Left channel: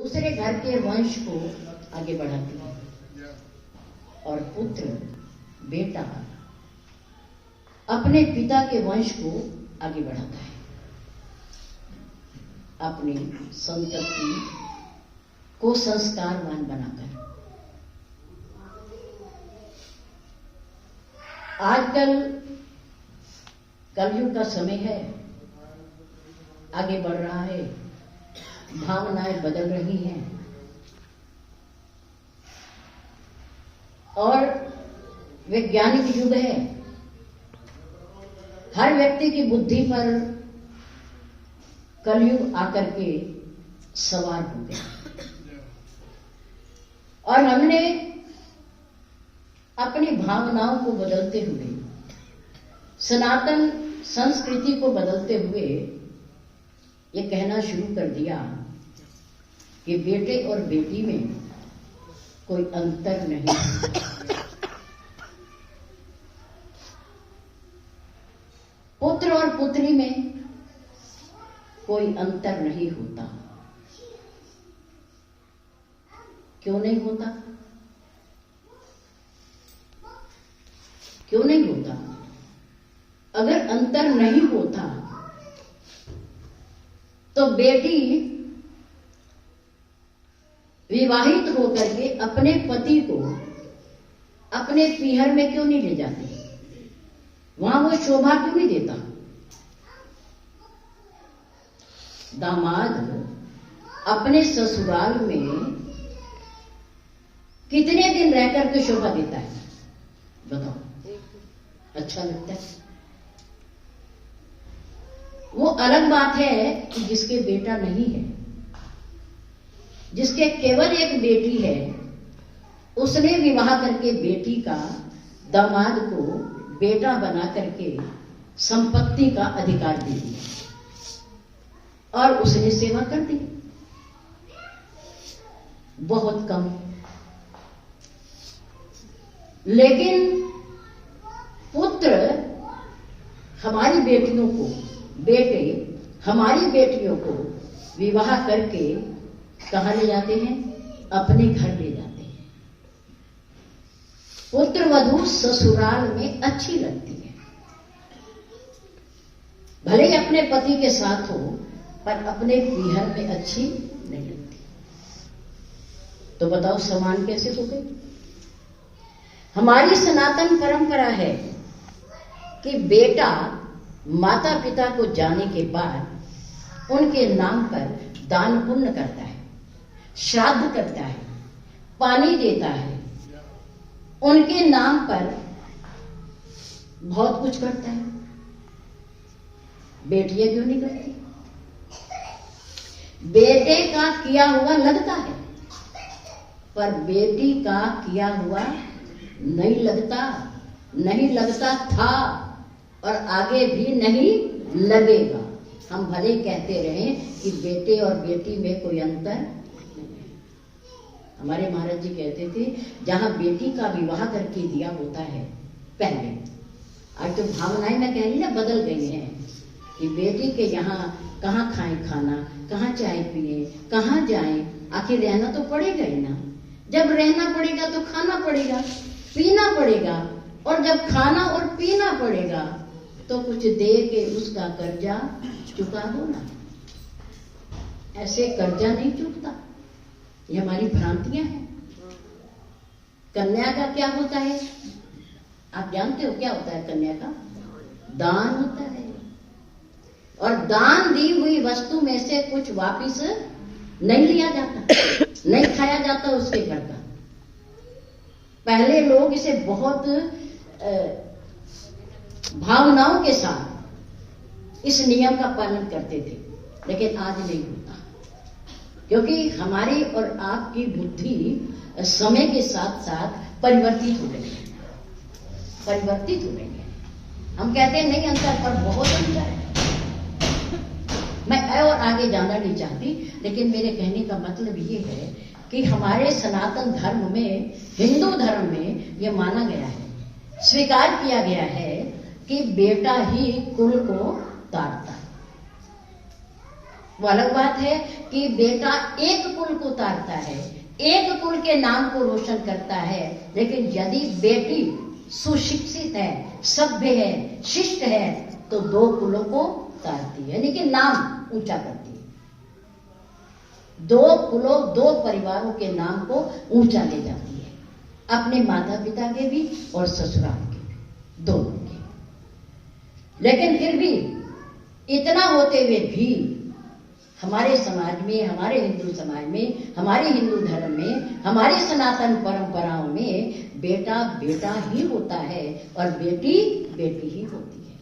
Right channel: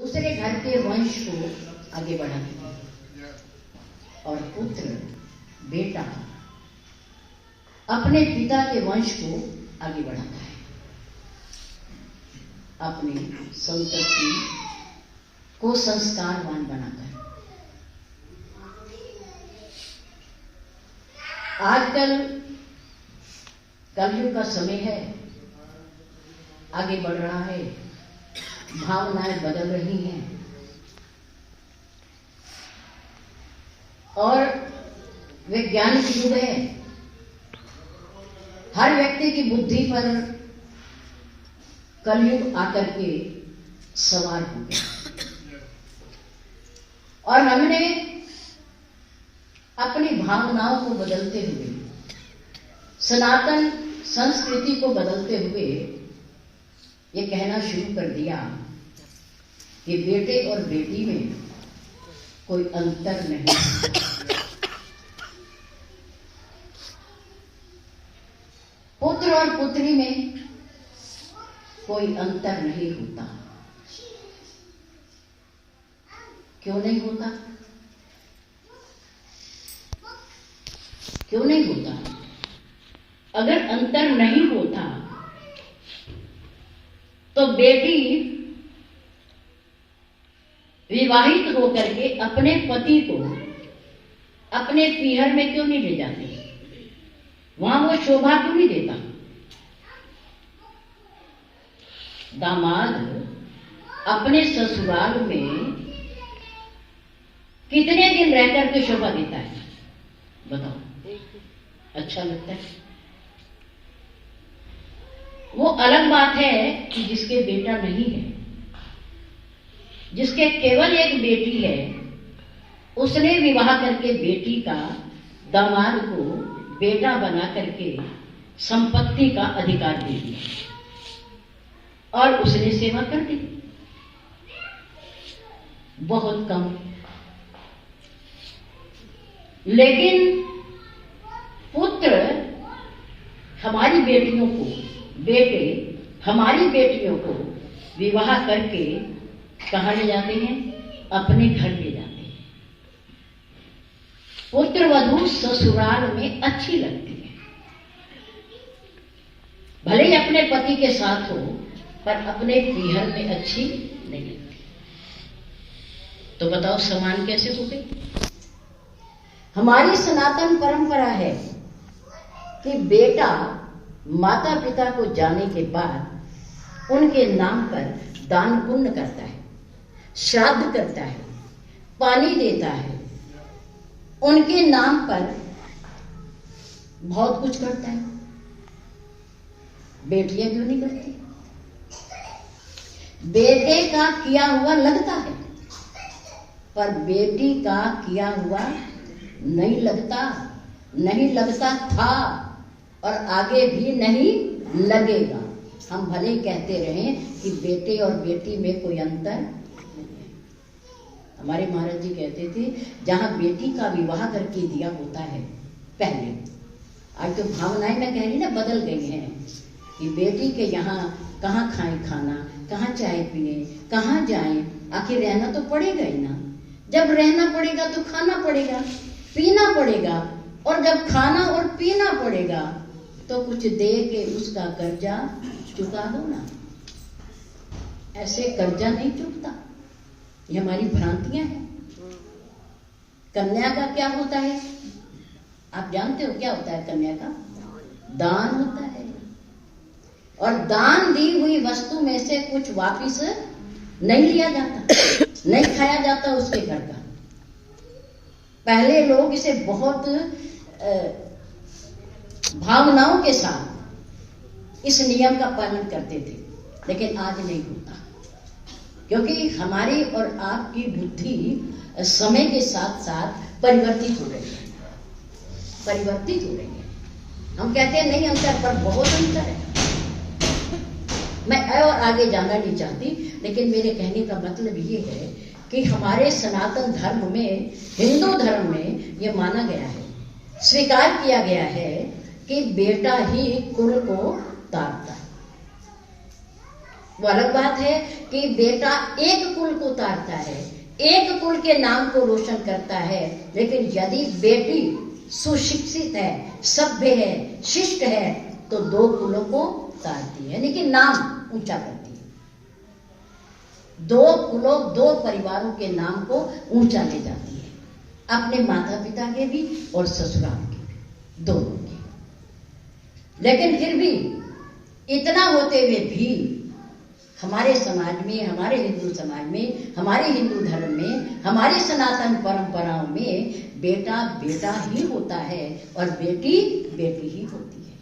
दूसरे घर के वंश को आगे बढ़ाती है और पुत्र बेटा अपने पिता के वंश को आगे बढ़ाता है, अपनी संतति को संस्कारवान बनाता है। आजकल कलयुग का समय है, आगे बढ़ रहा है, भावनाएं बदल रही हैं और वैज्ञानिक युग है। हर व्यक्ति की बुद्धि पर कलयुग आकर के सवार हो गया और हमने अपनी भावनाओं को बदलते हुए, सनातन संस्कृति को बदलते हुए ये कहना शुरू कर दिया कि बेटे और बेटी में कोई अंतर नहीं। पुत्र और पुत्री में कोई अंतर नहीं होता। क्यों नहीं होता? क्यों नहीं होता? अगर अंतर नहीं होता तो बेटी विवाहित होकर के अपने पति को अपने पीहर में क्यों नहीं ले जाती? वहां वो शोभा क्यों नहीं देता? दामाद अपने ससुराल में कितने दिन रहकर के शोभा देता है? बताओ, अच्छा लगता है? वो अलग बात है कि जिसके बेटा नहीं है, जिसके केवल एक बेटी है, उसने विवाह करके बेटी का दामाद को बेटा बना करके संपत्ति का अधिकार दे दिया और उसने सेवा कर दी। बहुत कम। लेकिन पुत्र हमारी बेटियों को, बेटे हमारी बेटियों को विवाह करके कहाँ ले जाते हैं? अपने घर ले जाते हैं। पुत्र वधू ससुराल में अच्छी लगती है, भले ही अपने पति के साथ हो, पर अपने पीहर में अच्छी नहीं लगती। तो बताओ समान कैसे हो गई? हमारी सनातन परंपरा है कि बेटा माता पिता को जाने के बाद उनके नाम पर दान पुण्य करता है, श्राद्ध करता है, पानी देता है, उनके नाम पर बहुत कुछ करता है। बेटियां क्यों नहीं करती? बेटे का किया हुआ लगता है, पर बेटी का किया हुआ नहीं लगता, नहीं लगता था और आगे भी नहीं लगेगा। हम भले कहते रहे कि बेटे और बेटी में कोई अंतर नहीं है। हमारे महाराज जी कहते थे, जहां बेटी का विवाह करके दिया होता है पहले, आज तो भावनाएं मैं कह रही ना बदल गई हैं कि बेटी के यहाँ कहाँ खाएं खाना, कहाँ चाय पिए, कहाँ जाएं, आखिर रहना तो पड़ेगा ही ना। जब रहना पड़ेगा तो खाना पड़ेगा, पीना पड़ेगा, और जब खाना और पीना पड़ेगा तो कुछ दे के उसका कर्जा चुका दो ना। ऐसे कर्जा नहीं चुकता, ये हमारी भ्रांतियां हैं। कन्या का क्या होता है? आप जानते हो क्या होता है कन्या का? दान होता है। और दान दी हुई वस्तु में से कुछ वापिस नहीं लिया जाता, नहीं खाया जाता उसके घर का। पहले लोग इसे बहुत भावनाओं के साथ इस नियम का पालन करते थे, लेकिन आज नहीं होता, क्योंकि हमारी और आपकी बुद्धि समय के साथ साथ परिवर्तित हो रही है, परिवर्तित हो रही है। हम कहते हैं नहीं अंतर, पर बहुत अंतर है। मैं और आगे जाना नहीं चाहती, लेकिन मेरे कहने का मतलब ये है कि हमारे सनातन धर्म में, हिंदू धर्म में ये माना गया है, स्वीकार किया गया है कि बेटा ही कुल को तारता है। वो अलग बात है कि बेटा एक कुल को जाता है, एक कुल के नाम को रोशन करता है। लेकिन यदि बेटी सुशिक्षित है, सभ्य है, शिष्ट है, तो दो कुलों को तारती है, यानी कि नाम ऊंचा करती है। दो कुलों, दो परिवारों के नाम को ऊंचा ले जाती है, अपने माता पिता के भी और ससुराल के भी, दोनों के। लेकिन फिर भी इतना होते हुए भी हमारे समाज में, हमारे हिंदू समाज में, हमारे हिंदू धर्म में, हमारी सनातन परंपराओं में बेटा बेटा ही होता है और बेटी बेटी ही होती है।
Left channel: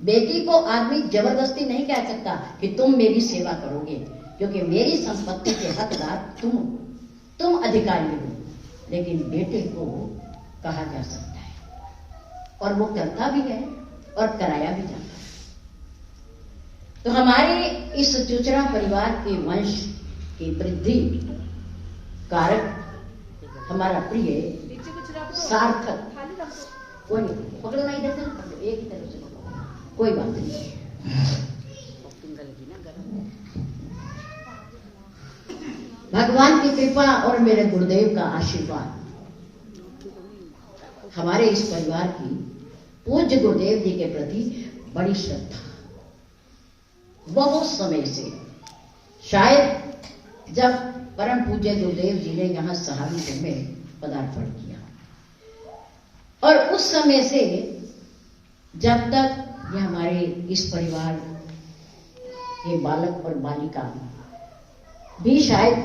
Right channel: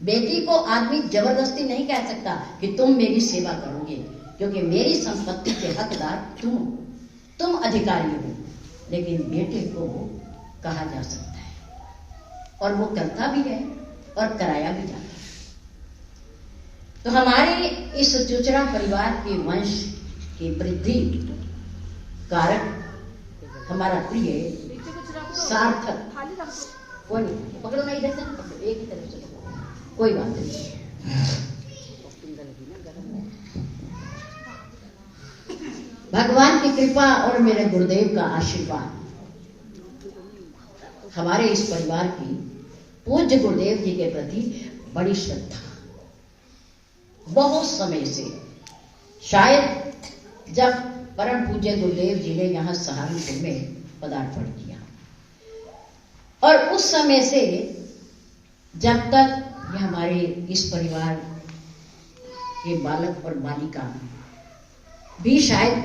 बेटी को आदमी जबरदस्ती नहीं कह सकता कि तुम मेरी सेवा करोगे, क्योंकि मेरी संपत्ति के हकदार तुम अधिकारी हो। लेकिन बेटे को कहा जा सकता है और वो करता भी है और कराया भी जाता है। तो हमारे इस चुचरा परिवार के वंश की वृद्धि कारक हमारा प्रिय सार्थक, कोई नहीं पकड़ो ना, इधर से एक ही तरफ से, कोई बात नहीं। भगवान की कृपा और मेरे गुरुदेव का आशीर्वाद हमारे इस परिवार की पूज्य गुरुदेव जी के प्रति बड़ी श्रद्धा, बहुत समय से, शायद जब परम पूज्य गुरुदेव जी ने यहाँ सहारनपुर में पदार्पण किया, और उस समय से जब तक ये हमारे इस परिवार के बालक और बालिका भी शायद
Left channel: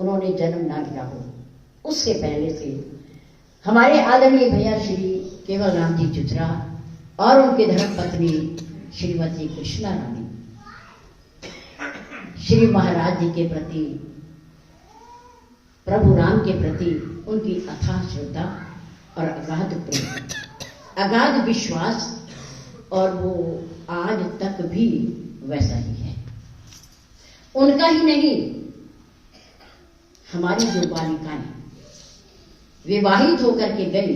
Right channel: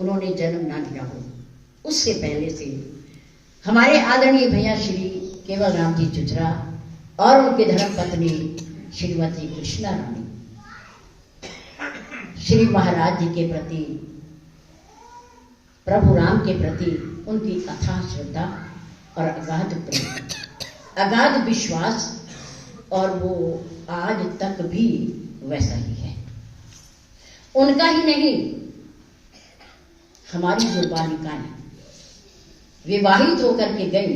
उन्होंने जन्म ना लिया हो, उससे पहले से हमारे आदरणीय भैया श्री केवल राम जी चुचरा और उनके धर्म पत्नी श्रीमती कृष्णा रानी श्री महाराज जी के प्रति, प्रभु राम के प्रति उनकी अथाह श्रद्धा और अगाध प्रेम, अगाध विश्वास, और वो आज तक भी वैसा ही है। उनका ही नहीं, हमारी जो बालिकाएं विवाहित होकर के गई,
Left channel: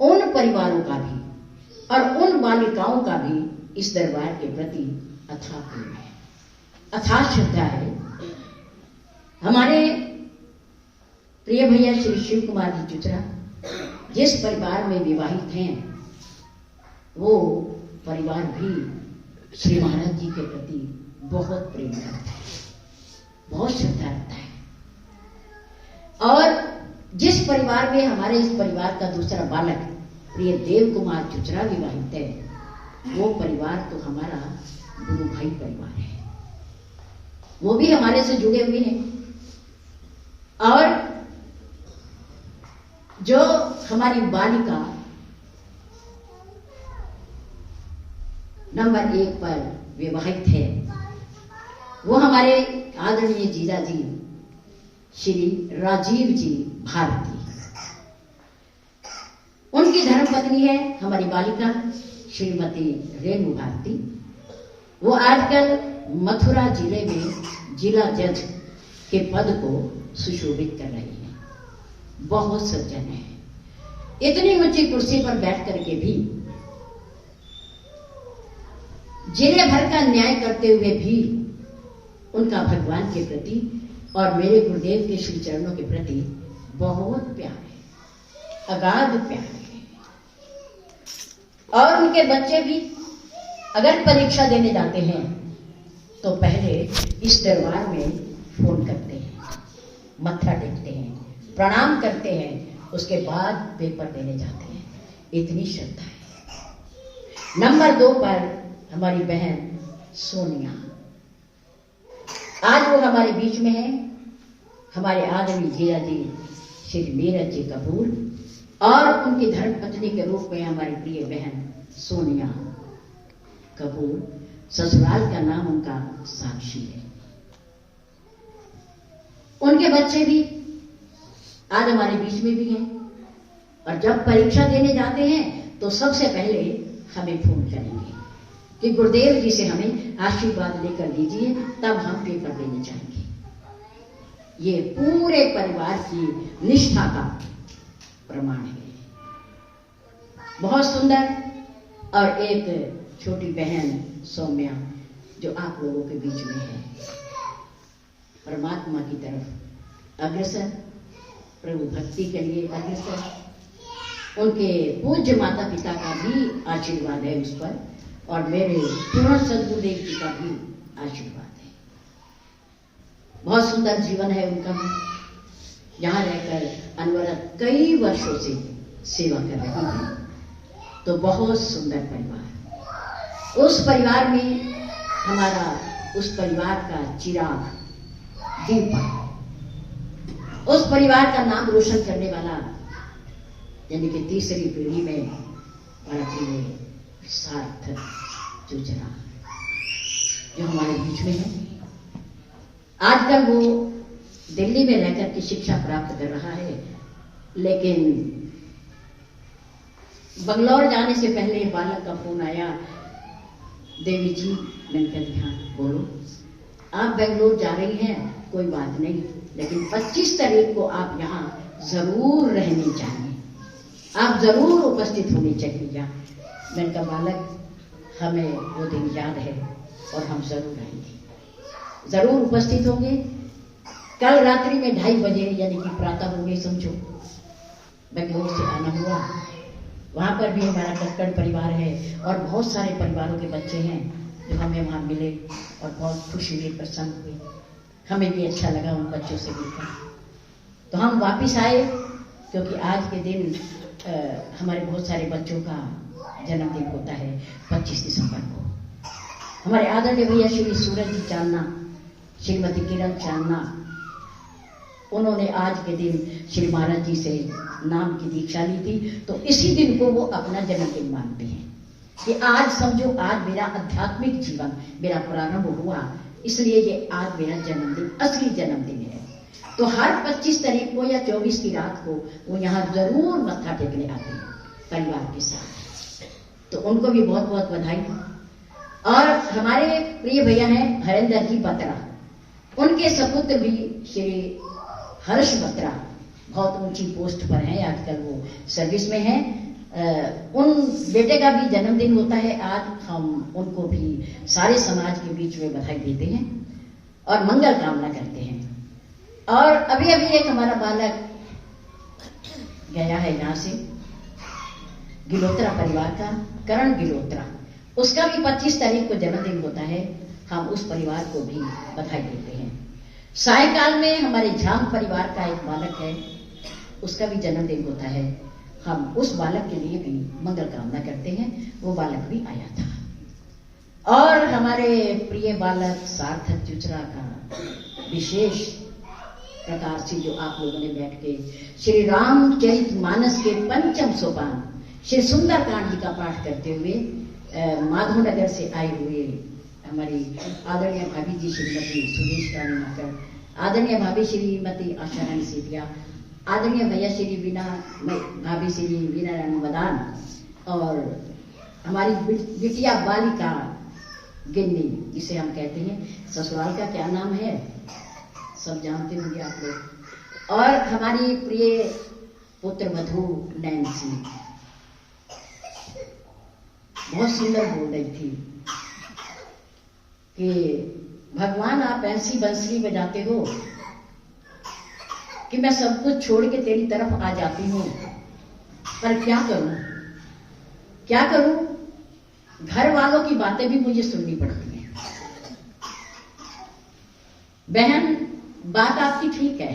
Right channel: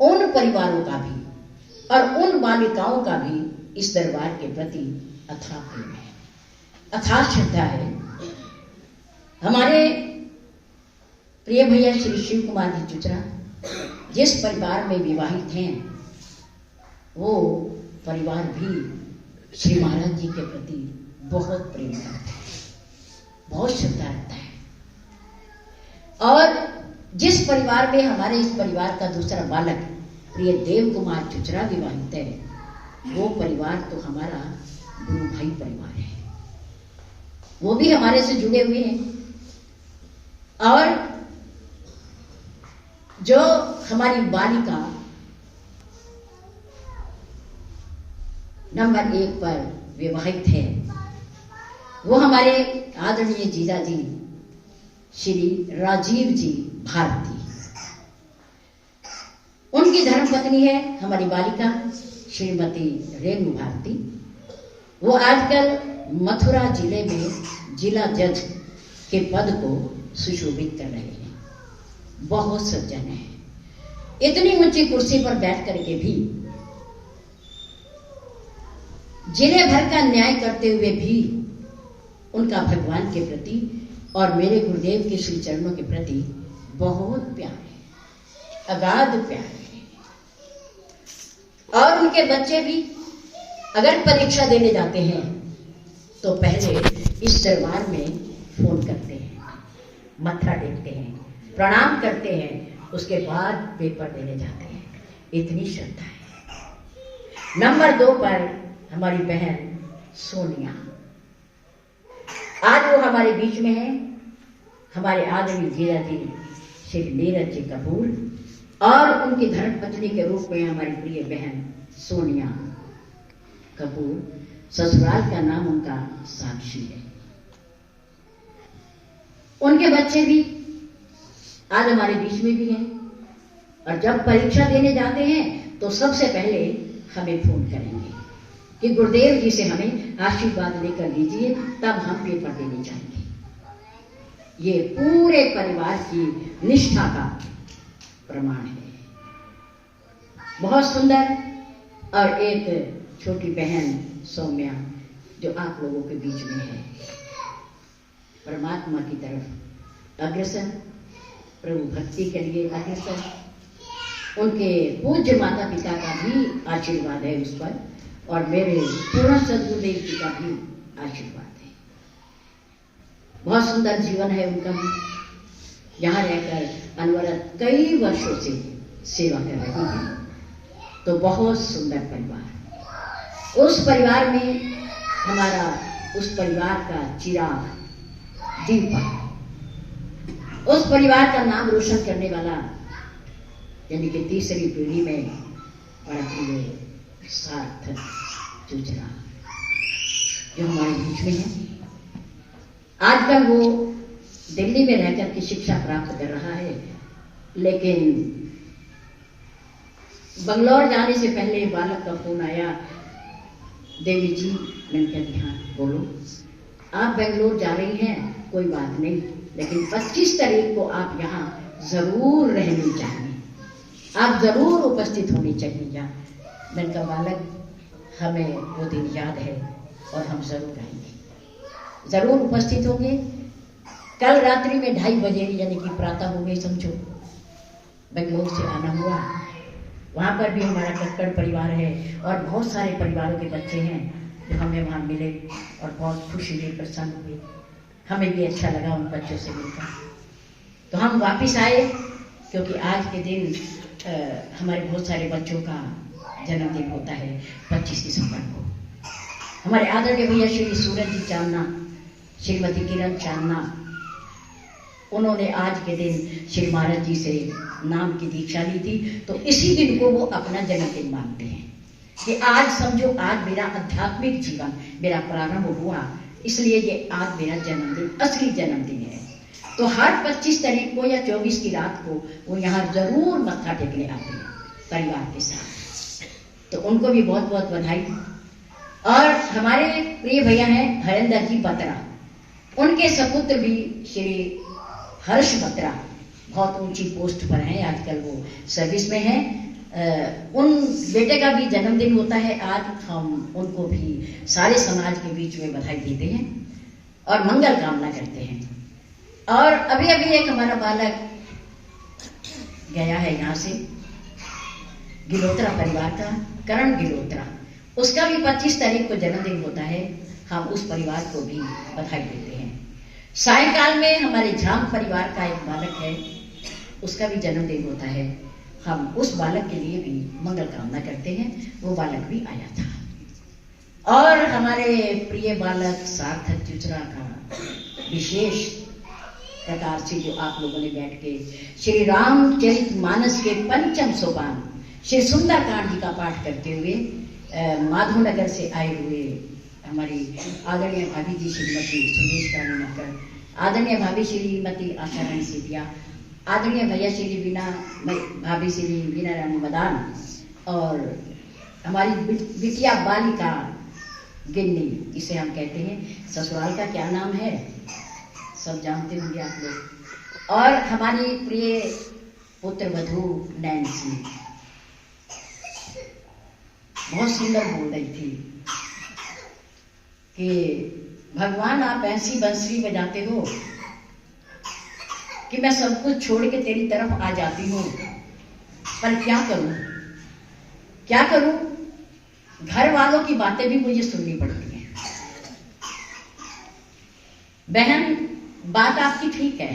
उन परिवारों का भी और उन बालिकाओं का भी इस दरबार के प्रति अथाह प्रेम है, अथाह श्रद्धा है। हमारे प्रिय भैया श्री शिव कुमार जी चुचरा जिस परिवार में विवाहित हैं, वो परिवार भी श्री महाराज जी के प्रति बहुत प्रेम करता है, बहुत श्रद्धा रखता है। और जिस परिवार में हमारे इस परिवार का दूसरा बालक प्रिय देव कुमार चुचरा विवाहित है, वो परिवार तो हमारा गुरु भाई परिवार है, वो भी हमारे से जुड़े हुए हैं। और जो हमारी बालिका नंबर 1 पर विवाहित है, वो हमारे आदरणीय जीजा जी श्री राजीव जी भारती, उनकी धर्मपत्नी है हमारी बालिका श्रीमती रेणु भारती। वो आजकल मथुरा जिले में जिला जज के पद को सुशोभित कर रहे हैं, बहुत सज्जन है। इतनी ऊंची कुर्सी पर बैठ करके भी, जिले भर का न्याय करते हुए भी उनका भगवान के प्रति और मेरे गुरुदेव के श्री चरणों के प्रति बहुत प्यार है, अगाध प्यार है। और उनके बच्चे भी अगर परीक्षा देने जाते हैं तो पहले इस दरबार में फोन करते हैं, मत्था टेकते हैं, प्रणाम करते हैं, उसके बाद पेपर देने जाते हैं। इतनी श्रद्धा है। नंबर 2 पर हमारी बहन सोनिया, आज वो हमारे बीच में है। हमारे आदरणीय जीजा जी श्री नीरज जी कपूर और उनकी धर्मपत्नी के रूप में हमारी प्रिय बहन सोनिया कपूर, ससुराल का नाम उनका साक्षी है। उनके बच्चे भी आज हमारे बीच में भी हैं, और जब परीक्षा देने जाते हैं तो सबसे पहले हमें फोन करेंगे कि गुरुदेव जी से हमें आशीर्वाद लेकर दीजिए, तब हम पेपर देने जाएंगे। ये पूरे परिवार की निष्ठा का प्रमाण है। बहुत सुंदर। और एक छोटी बहन सौम्या जो आप लोगों के बीच में है, परमात्मा की तरफ अग्रसर, प्रभु भक्ति के लिए अग्रसर। उनके पूज्य माता पिता का भी आशीर्वाद है उस पर, और मेरे पूर्ण सदगुरुदेव जी का भी आशीर्वाद है। बहुत सुंदर जीवन है उनका भी। यहाँ रहकर अनवरत कई वर्षों से सेवा कर रहे हैं। तो बहुत सुंदर परिवार, उस परिवार में हमारा, उस परिवार का चिराग दीपक, उस परिवार का नाम रोशन करने वाला, यानी कि तीसरी पीढ़ी में बड़ा प्रिय सार्थक चुचरा जो हमारे बीच में है। आज तक वो दिल्ली में रहकर के शिक्षा प्राप्त कर रहा है, लेकिन बंगलौर जाने से पहले बालक का फोन आया, देवी जी, मैंने कहा हाँ बोलो, आप बेंगलोर जा रही हैं, कोई बात नहीं, लेकिन 25 तारीख को आप यहाँ जरूर रहनी चाहिए, आप जरूर उपस्थित होनी चाहिए यहाँ। मैंने कहा बालक, हमें वो दिन याद है और हम जरूर आएंगे, जरूर उपस्थित होंगे। कल रात्रि में 2:30 बजे, यानी कि प्रातः हो गई समझो, बेंगलोर से आना हुआ। वहाँ पर भी हमारा कक्कड़ परिवार है और बहुत सारे परिवारों के बच्चे हैं जो हमें वहाँ मिले और बहुत खुशी हुई, प्रसन्न हुए। हमें भी अच्छा लगा उन बच्चों से मिलकर। तो हम वापस आए, क्योंकि आज के दिन हमारे बहुत सारे बच्चों का जन्मदिन होता है 25 दिसंबर को। हमारे आदरणीय भैया श्री सूरज जी चांदना, श्रीमती किरण चांदना, उन्होंने आज के दिन श्री महाराज जी से नाम की दीक्षा ली थी। तो इसी दिन को वो अपना जन्मदिन मानते हैं कि आज समझो, आज मेरा आध्यात्मिक जीवन मेरा प्रारंभ हुआ, इसलिए ये आज मेरा जन्मदिन, असली जन्मदिन है। तो हर 25 तारीख को या 24 की रात को वो यहाँ जरूर मत्था टेकने आते हैं परिवार के साथ। तो उनको भी बहुत बहुत बधाई। और हमारे प्रिय भैया हैं हरेंद्र जी बत्रा, उनके सपुत्र भी श्री हर्ष बत्रा बहुत ऊंची पोस्ट पर हैं, आजकल वो सर्विस में हैं। उन बेटे का भी जन्मदिन होता है आज। हम उनको भी सारे समाज के बीच में बधाई देते हैं और मंगल कामना करते हैं। और अभी अभी एक हमारा बालक गया है यहाँ से, गिलोत्रा परिवार का, करण गिलोत्रा, उसका भी 25 तारीख को जन्मदिन होता है। हम उस परिवार को भी बधाई देते हैं। सायकाल में हमारे झाम परिवार का एक बालक है, उसका भी जन्मदिन होता है। हम उस बालक के लिए भी मंगल कामना करते हैं, वो बालक भी आया था। और हमारे प्रिय बालक सार्थक चुचरा का विशेष प्रकार से जो आप लोगों ने बैठ के श्री रामचरित मानस के 5वें सोपान श्री सुंदरकांड जी का पाठ करते हुए माधवनगर से आए हुए हमारी आदरणीय भाभी जी श्रीमती सुदेश रानी नाकर, आदरणीय भाभी श्रीमती आशा रानी सेतिया, आदरणीय भैया श्री बीना भाभी श्री बीना रानी मदान, और हमारी बिटिया बालिका गिन्नी, जिसे हम कहते हैं, ससुराल का क्या नाम है सब जानते होंगे आप लोग। और हमारी प्रिय पुत्र वधू नैन्सी बहुत सुंदर बोल रही थी कि भगवान आप ऐसी बंसरी बजाते हो कि मैं सब कुछ छोड़ के तेरी तरफ आ जाती हूँ, पर क्या करूं, क्या करूं, घर वालों की बातें भी मुझे सुननी पड़ती हैं। बहन, बात आपकी ठीक है,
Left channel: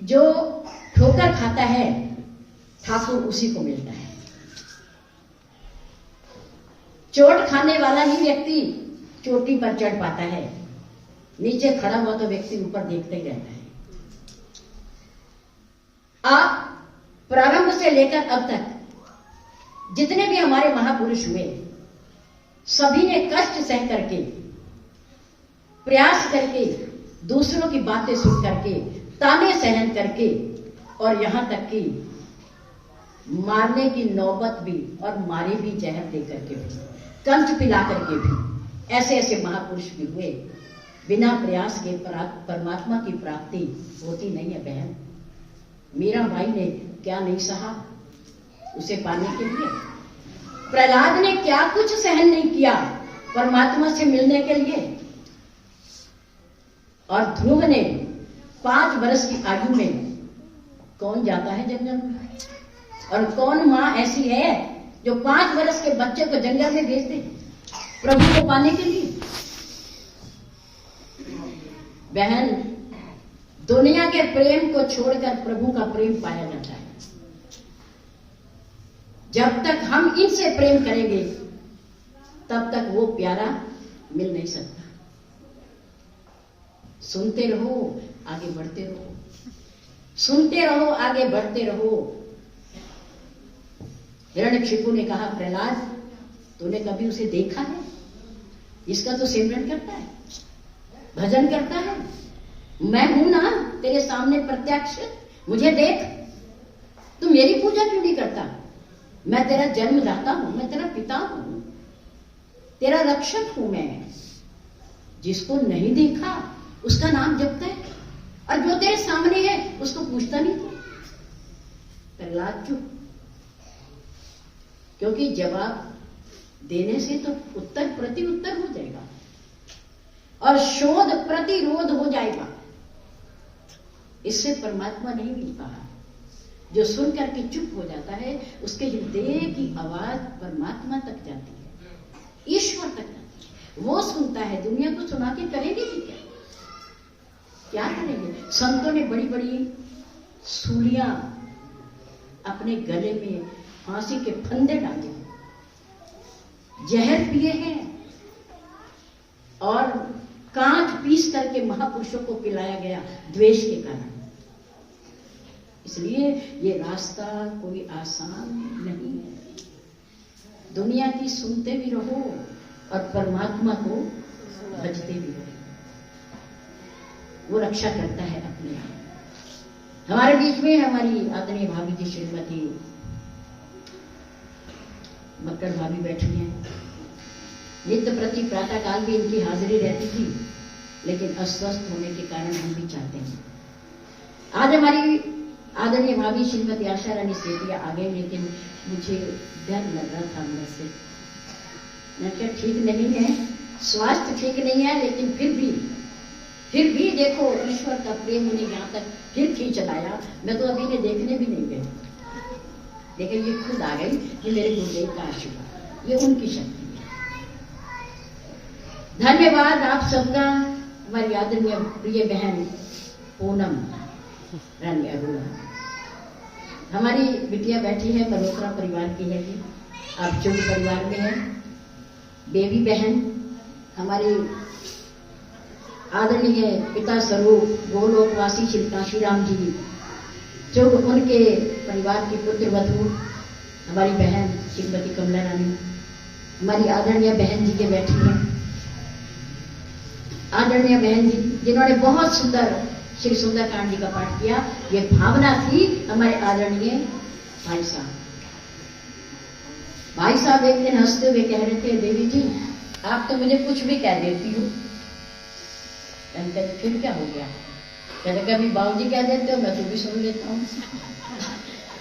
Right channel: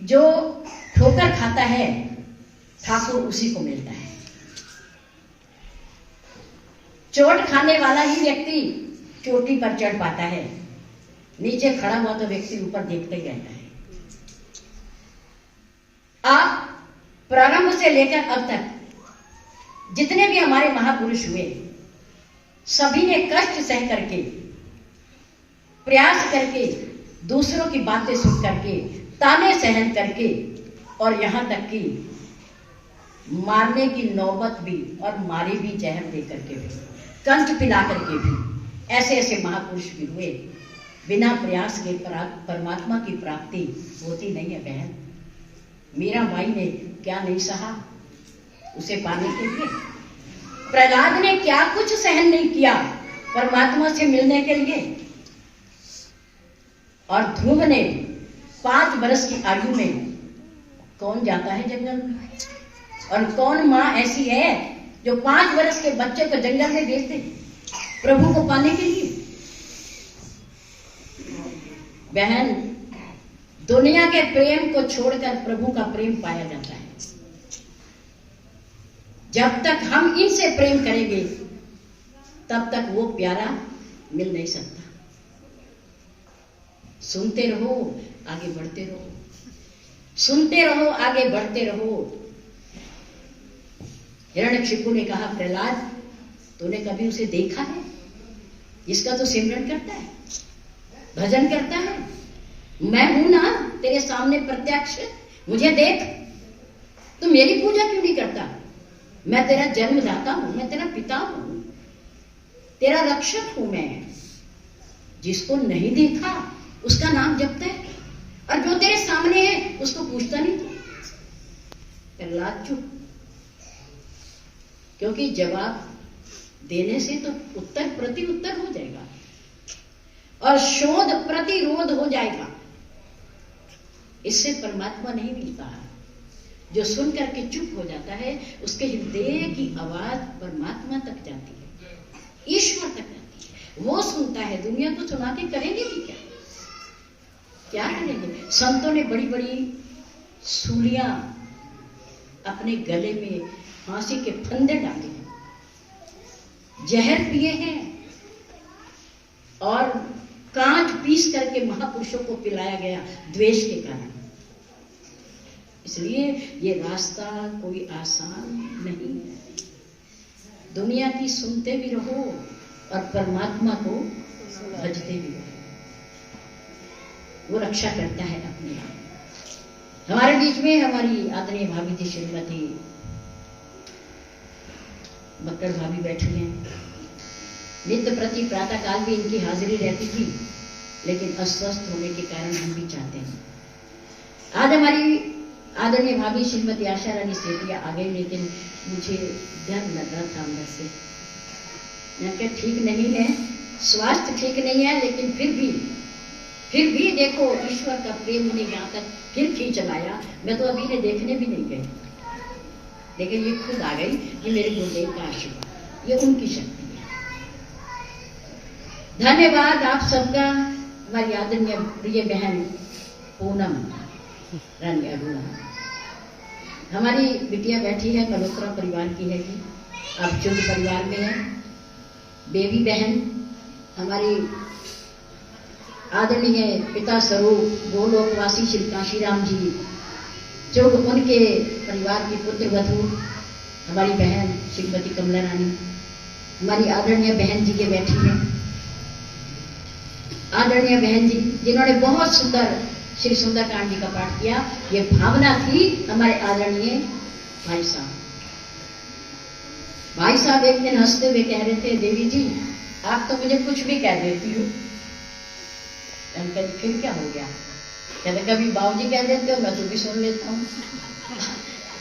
जो ठोकर खाता है ठाकुर उसी को मिलता है। चोट खाने वाला ही व्यक्ति चोटी पर चढ़ पाता है, नीचे खड़ा हुआ तो व्यक्ति ऊपर देखते ही रहता है। आप प्रारंभ से लेकर अब तक जितने भी हमारे महापुरुष हुए, सभी ने कष्ट सह करके, प्रयास करके, दूसरों की बातें सुन करके, ताने सहन करके, और यहां तक कि मारने की नौबत भी, और मारे भी जहर दे करके भी, कंठ पिला करके भी, ऐसे ऐसे महापुरुष भी हुए। बिना प्रयास के परमात्मा की प्राप्ति होती नहीं है बहन। मीरा भाई ने क्या नहीं सहा उसे पाने के लिए, प्रहलाद ने क्या कुछ सहन नहीं किया परमात्मा से मिलने के लिए। और ध्रुव ने 5 वर्ष की आयु में, कौन जाता है जंगल में? और कौन माँ ऐसी है जो 5 वर्ष के बच्चे को जंगल में भेज दे प्रभु को पाने के लिए? बहन, दुनिया के प्रेम को छोड़कर प्रभु का प्रेम पाया जाता है। जब तक हम इनसे प्रेम करेंगे तब तक वो प्यारा मिल नहीं सकता। सुनते रहो, आगे बढ़ते रहो, सुनते रहो, आगे बढ़ते रहो। हिरण्यकशिपु ने कहा, प्रहलाद, तूने कभी उसे देखा है जिसका तो सिमरन करता है, भजन करता है? मैं हूं ना तेरे सामने प्रत्यक्ष, मुझे देख। तू मेरी पूजा क्यों नहीं करता? मैं तेरा जन्मदाता हूं, मैं तेरा पिता हूं, तेरा रक्षक हूं मैं। जिसको नहीं देखा उसका नाम जपता है, और जो तेरे सामने है उसको पूछता नहीं तू। प्रहलाद चुप, क्योंकि जवाब देने से तो उत्तर प्रति उत्तर हो जाएगा और शोध प्रतिरोध हो जाएगा। इससे परमात्मा नहीं मिलता है। जो सुन करके चुप हो जाता है उसके हृदय की आवाज परमात्मा तक जाती है, ईश्वर तक जाती है। वो सुनता है। दुनिया को सुना के करेंगे कि क्या करेंगे? संतों ने बड़ी बड़ी सूलियां अपने गले में फांसी के फंदे डाले हैं, जहर पिए हैं और कांच पीस करके महापुरुषों को पिलाया गया द्वेष के कारण। इसलिए ये रास्ता कोई आसान नहीं है। दुनिया की सुनते भी रहो और परमात्मा को भजते भी रहो, वो रक्षा करता है अपने आप। हमारे बीच में हमारी आदरणीय भाभी जी श्रीमती मक्कर भाभी बैठी हैं। नित्य प्रति प्रातः काल भी इनकी हाजिरी रहती थी, लेकिन अस्वस्थ होने के कारण हम भी चाहते हैं। आज हमारी आदरणीय भाभी श्रीमती आशा रानी सेठिया आ गई, लेकिन मुझे डर लग रहा था अंदर से। मैं क्या ठीक नहीं है, स्वास्थ्य ठीक नहीं है, लेकिन फिर भी देखो ईश्वर का प्रेम उन्हें यहाँ तक फिर खींच लाया। मैं तो अभी ने देखने भी नहीं गई, लेकिन ये खुद आ गई कि मेरे गुरुदेव का आशीर्वाद, ये उनकी शक्ति है। धन्यवाद आप सबका। हमारी आदरणीय प्रिय बहन पूनम रानी अरुणा, हमारी बिटिया बैठी है, मल्होत्रा परिवार की है, आप चुग परिवार में है। बेबी बहन हमारी आदरणीय पिता स्वरूप गोलोकवासी श्री काशीराम जी, जो उनके परिवार की पुत्र वधू हमारी बहन श्रीमती कमला रानी, हमारी आदरणीय बहन जी के बैठी हैं। आदरणीय बहन जी जिन्होंने बहुत सुंदर श्री सुंदरकांड जी का पाठ किया, ये भावना थी हमारे आदरणीय भाई साहब। भाई साहब एक दिन हंसते हुए कह रहे थे, देवी जी आप तो मुझे कुछ भी कह देती हो। फिर क्या हो गया? कहते कभी बाबूजी कह देते हो, मैं तो भी सुन लेता हूँ।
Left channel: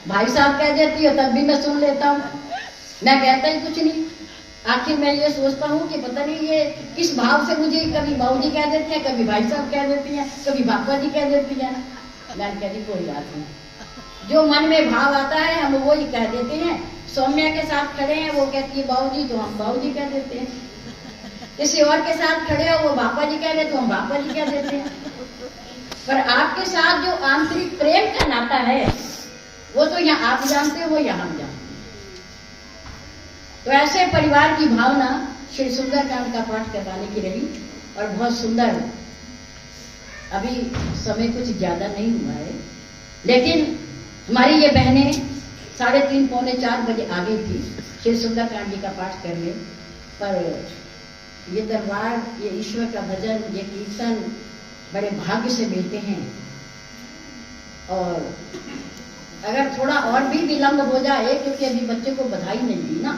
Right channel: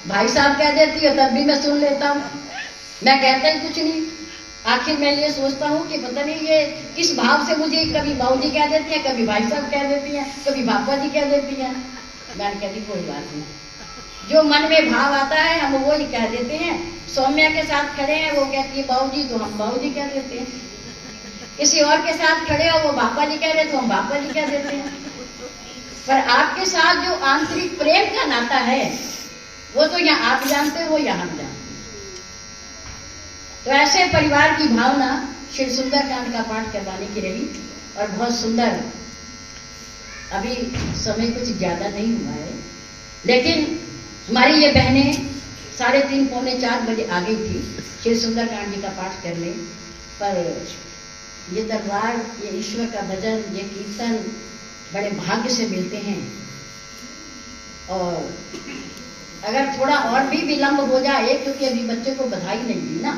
भाई साहब कह देती हो, तब भी मैं सुन लेता हूँ। मैं कहता ही कुछ नहीं। आखिर मैं ये सोचता हूँ कि पता नहीं ये किस भाव से मुझे कभी बाबूजी कह देते हैं, कभी भाई साहब कह देती हैं, कभी बापा जी कह देती हैं। मैं कहती कोई बात नहीं, जो मन में भाव आता है हम वो ही कह देते हैं। सौम्या के साथ खड़े हैं, वो कहती है बाबूजी, तो हम बाबूजी कह देते हैं। किसी और के साथ खड़े हो, वो बापा जी कह रहे, तो हम बापा जी कह देते हैं। पर आपके साथ जो आंतरिक प्रेम का नाता है वो तो यहाँ आप जानते हो या हम जानते हैं। तो ऐसे परिवार की भावना श्री सुंदरकांड का पाठ करवाने की रही और बहुत सुंदर। अभी समय कुछ ज्यादा नहीं हुआ है, लेकिन हमारी ये बहनें 3:30 पौने 4 बजे आ गई थी श्री सुंदरकांड जी का पाठ करने। पर ये दरबार, ये ईश्वर का भजन, ये कीर्तन बड़े भाग्य से मिलते हैं। और अगर थोड़ा और भी विलंब हो जाए, क्योंकि अभी बच्चे को बधाई नहीं दी ना,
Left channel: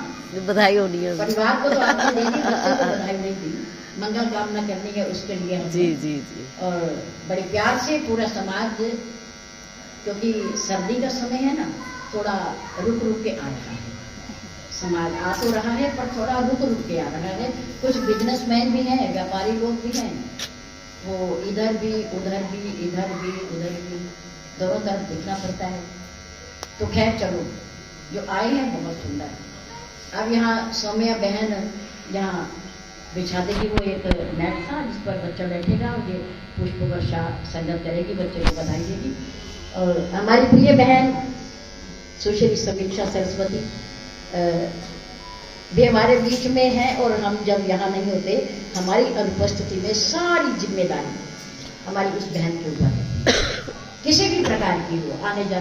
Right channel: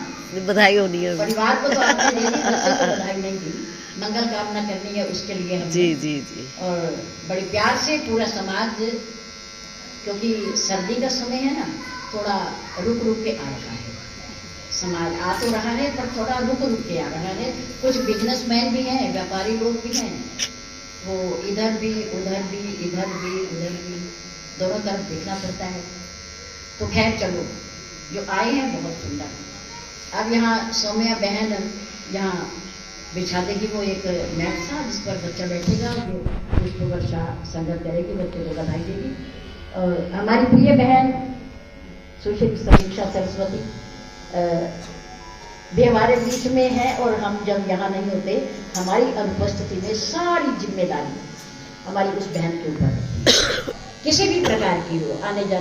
बधाई होनी है परिवार को, तो आपने दे दी, बच्चे को बधाई नहीं दी, मंगल कामना करनी है उसके लिए हम जी। और बड़े प्यार से पूरा समाज, क्योंकि सर्दी का समय है ना, थोड़ा रुक रुक के आ रहा है। समाज आ तो रहा है पर थोड़ा रुक रुक के आ रहा है। कुछ बिजनेसमैन भी हैं, व्यापारी लोग भी हैं, वो इधर भी उधर भी इधर भी उधर भी दोनों तरफ देखना पड़ता है। तो खैर चलो, जो आए हैं बहुत सुंदर। अब यहाँ सौम्या बहन यहाँ बिछा देगी वो एक मैट सा, जिस पर बच्चा बैठेगा, ये पुष्प वर्षा संगत करेगी, बच्चे को बधाई देगी। और हमारी प्रिय बहन सुश्री समीक्षा सरस्वती भी हमारे बीच में है, और हम जब यहाँ नहीं होते हमारी अनुपस्थिति में सारी जिम्मेदारी हमारी उस बहन के ऊपर है, किसी भी प्रकार की हो, आने जाने